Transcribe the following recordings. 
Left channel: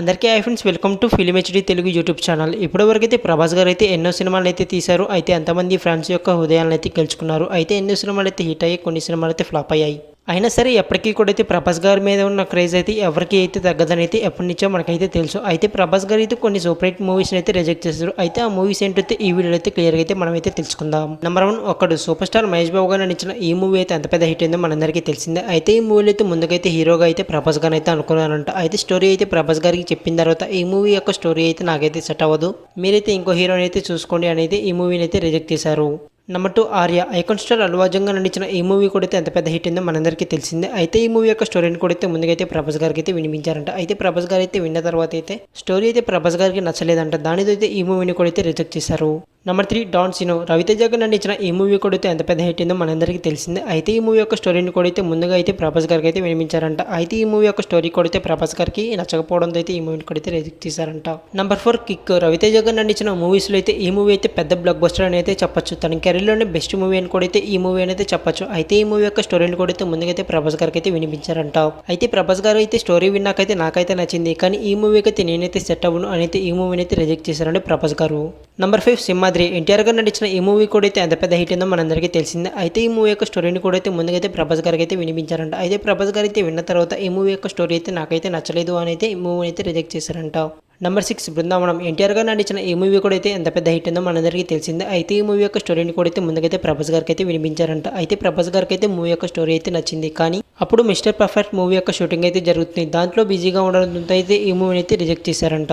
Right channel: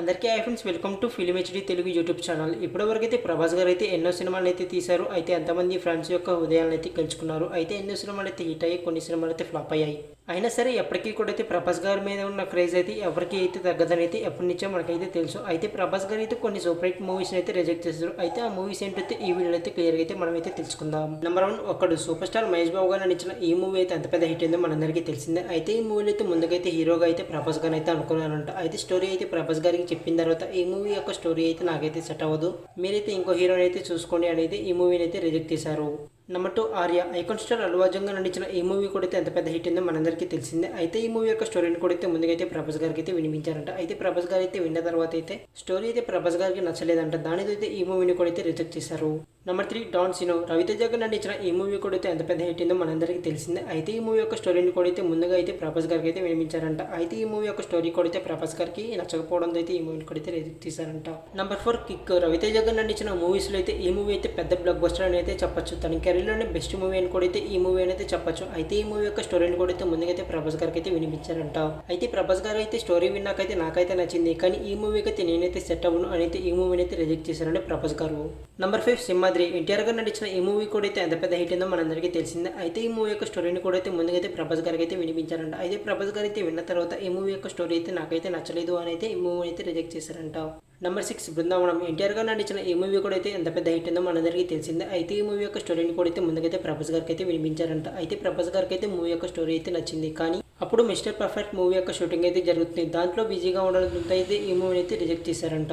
అందరికీ hi friends, welcome to film HD Telugu YouTube channel. ఇప్పటివరకు అయితే ప్రభాస్ గారు అయితే ఎన్నో సినిమాలు అయితే తీశారు. అయితే అంతమంది ఫ్యాన్స్ యొక్క హృదయాలను అయితే గెలుచుకున్నారు. అయితే ఎన్నో సినిమాలు అయితే హిట్ అయ్యాయి, కొన్ని సినిమాలు అయితే ఫ్లాప్ అయ్యాయి. అయినా సరే ఎప్పటికీ కూడా అయితే ప్రభాస్ గారి మీద ఉన్న క్రేజ్ అయితే ఎవరికి అయితే తగ్గదని అయితే ఎప్పటి నుంచో మనకైతే తెలుసు. అయితే ప్రభాస్ గారు అయితే కొన్ని సూపర్ హిట్ మూవీస్ని అయితే రిజెక్ట్ చేశారు. అయితే ఆ మూవీస్ ఏంటైతే ఈ వీడియోలో అయితే క్లియర్గా అయితే మనం అయితే తెలుసుకుందాం. నెంబర్ 1, ఒకడు సూపర్ స్టార్ మహేష్ బాబు గారు నటించిన ఈ మూవీ అయితే ఎంత పెద్ద హిట్ అయిందో మనందరికీ తెలిసిందే. అయితే ఈ మూవీలో అయితే ముందుకైతే హీరోగా అయితే ప్రభాస్ గారు అయితే అనుకున్నారంట. అయితే స్టోరీ అయితే ప్రభాస్ గారికి చెప్పిన తర్వాత ఈ మూవీ యొక్క స్టోరీ అయితే నాకైతే సెట్ అవ్వదు, మీరైతే ఇంకో హీరోని అయితే చూసుకోండి అనేది ఈ మూవీని అయితే రిజెక్ట్ చేశారు. Number 2, Arya. Icon star Allu Arjun గారు నటించిన ఈ మూవీ కూడా అయితే ఎంత పెద్ద హిట్ అయిందో మనందరికీ తెలిసిందే. అయితే ఈ మూవీ యొక్క స్టోరీని కూడా అయితే ముందుకైతే ప్రభాస్ గారికి అయితే వినిపించారంట. అయితే ప్రభాస్ గారు అయితే విన్న తర్వాత అయితే స్టోరీ అయితే ప్రభాస్ గారికి నచ్చలేదంట. దానితో అయితే ఈ మూవీని కూడా అయితే రిజెక్ట్ చేశారు. Number 3, don సినో. రవితేజ గారు నటించిన ఈ మూవీ కూడా అయితే ఎంత పెద్ద హిట్ అయిందో మనందరికీ తెలిసిందే. అయితే ఈ మూవీ యొక్క స్టోరీని కూడా అయితే ముందుగా అయితే ప్రభాస్ గారికి అయితే వినిపించారంట. అయితే ఈ మూవీ యొక్క స్టోరీ కూడా అయితే ప్రభాస్ గారికి నచ్చకపోవడంతో అయితే ఈ మూవీని కూడా అయితే రిజెక్ట్ చేశారంట. Number 4, kick. రవితేజ గారు నటించిన మూవీస్లో అయితే ఈ మూవీ అయితే పెద్ద బ్లాక్ బస్టర్ అని అయితే చెప్పొచ్చు. తన కెరీర్లోనే బెస్ట్ మూవీ అని కూడా అయితే ఈ మూవీ అనేది చెప్పొచ్చు. అయితే ఈ మూవీ యొక్క స్టోరీని కూడా అయితే ముందుకైతే ప్రభాస్ గారికి అయితే వినిపించారంట. అయితే ప్రభాస్ గారు అయితే స్టోరీ విన్నాకైతే నాకైతే నచ్చింది, కానీ ఈ మూవీకి అయితే నేనైతే సెట్ అవ్వను అని అయితే ఈ మూవీని అయితే రిజెక్ట్ చేశారండి ప్రభాస్ గారు. నెంబర్ 5, సింహాద్రి. ఎన్టీఆర్ గారు నటించిన ఈ మూవీ కూడా అయితే ఎంత పెద్ద హిట్ అయిందో మనందరికీ తెలిసిందే. అయితే ఈ మూవీ యొక్క స్టోరీని కూడా అయితే ముందుకైతే ప్రభాస్ గారికి అయితే వినిపించారంట. అయితే ప్రభాస్ గారు అయితే విన్న తర్వాత ఈ మూవీ యొక్క స్టోరీ అయితే నాకైతే నచ్చలేదు అని అయితే ఈ మూవీని అయితే రిజెక్ట్ చేశారంట. నెంబర్ 6, బృందావనం. ఎన్టీఆర్ గారు నటించిన ఈ మూవీ కూడా అయితే ఎంత పెద్ద హిట్ అయిందో మనందరికీ తెలిసిందే. అయితే ఈ మూవీ యొక్క స్టోరీని కూడా అయితే ముందుకైతే ప్రభాస్ గారికి అయితే వినిపించారంట. అయితే ప్రభాస్ గారికి అయితే మూవీ యొక్క స్టోరీ అయితే నచ్చింది, కానీ అప్పుడు మిస్టర్ పర్ఫెక్ట్ మూవీ యొక్క షూటింగ్ అయితే జరుగుతుంది. దాంట్లో బిజీగా ఉండడంతో అయితే ఈ మూవీని అయితే రిజెక్ట్ చేశారంట.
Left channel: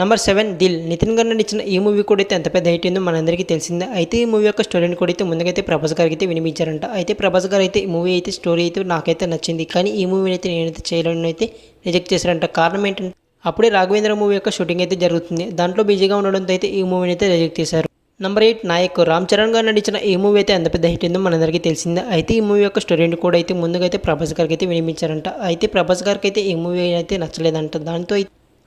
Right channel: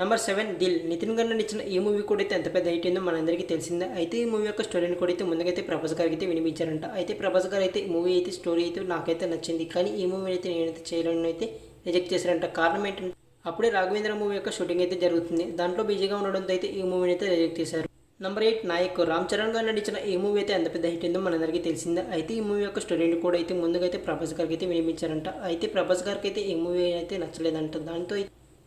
నెంబర్ 7, దిల్. నితిన్ గారు నటించిన ఈ మూవీ కూడా అయితే ఎంత పెద్ద హిట్ అయిందో మనందరికీ తెలిసిందే. అయితే ఈ మూవీ యొక్క స్టోరీని కూడా అయితే ముందుకైతే ప్రభాస్ గారికి అయితే వినిపించారంట. అయితే ప్రభాస్ గారు అయితే ఈ మూవీ అయితే స్టోరీ అయితే నాకైతే నచ్చింది, కానీ ఈ మూవీని అయితే నేనైతే చేయలేని అయితే రిజెక్ట్ చేశారంట. కారణం ఏంటంటే అప్పుడే రాఘవేంద్ర మూవీ యొక్క షూటింగ్ అయితే జరుగుతుంది. దాంట్లో బిజీగా ఉండడంతో అయితే ఈ మూవీని అయితే రిజెక్ట్ చేశారు. నెంబర్ 8, నాయక్. రామ్ చరణ్ గారు నటించిన ఈ మూవీ అయితే ఎంత పెద్ద హిట్ అయిందో మనందరికీ తెలిసిందే. అయితే ఈ మూవీ యొక్క స్టోరీని కూడా అయితే ముందుగా అయితే ప్రభాస్ గారికి అయితే వినిపించారంట. అయితే ప్రభాస్ గారికి అయితే ఈ మూవీ అయితే నచ్చలేదంట. దాంతో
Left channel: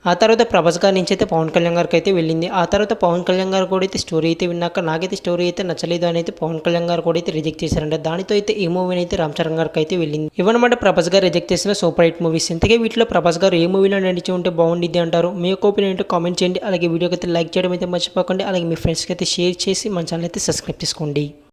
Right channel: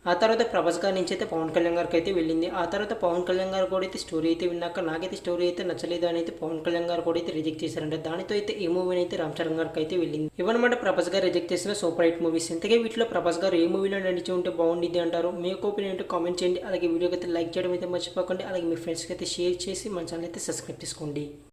ఆ తర్వాత ప్రభాస్ గారి నుంచి అయితే పవన్ కళ్యాణ్ గారికి అయితే వెళ్ళింది. ఆ తర్వాత పవన్ కళ్యాణ్ గారు కూడా అయితే స్టోరీ అయితే విన్నాక నాకైతే స్టోరీ అయితే నచ్చలేదు అని అయితే పవన్ కళ్యాణ్ గారు కూడా అయితే రిజెక్ట్ చేశారంట. దానితో అయితే ఈ మూవీని అయితే రామ్ చరణ్ గారికి అయితే వెళ్ళింది. ఇవన్నమాట ప్రభాస్ గారు రిజెక్ట్ చేసిన సూపర్ హిట్ మూవీస్. ఇంతకే వీటిలో ప్రభాస్ గారు ఏ మూవీలో నడిచి ఉంటే బాగుండిద్ది అంటారు? మీ యొక్క ఒపీనియన్ ఏంటో కామెంట్ చేయండి. అలాగే వీడియోకి అయితే లైక్ చేయడం అయితే మర్చిపోకండి. అలాగే మీ ఫ్రెండ్స్కి అయితే షేర్ చేసి మన ఛానల్ అయితే సబ్స్క్రైబ్ చేసుకోండి.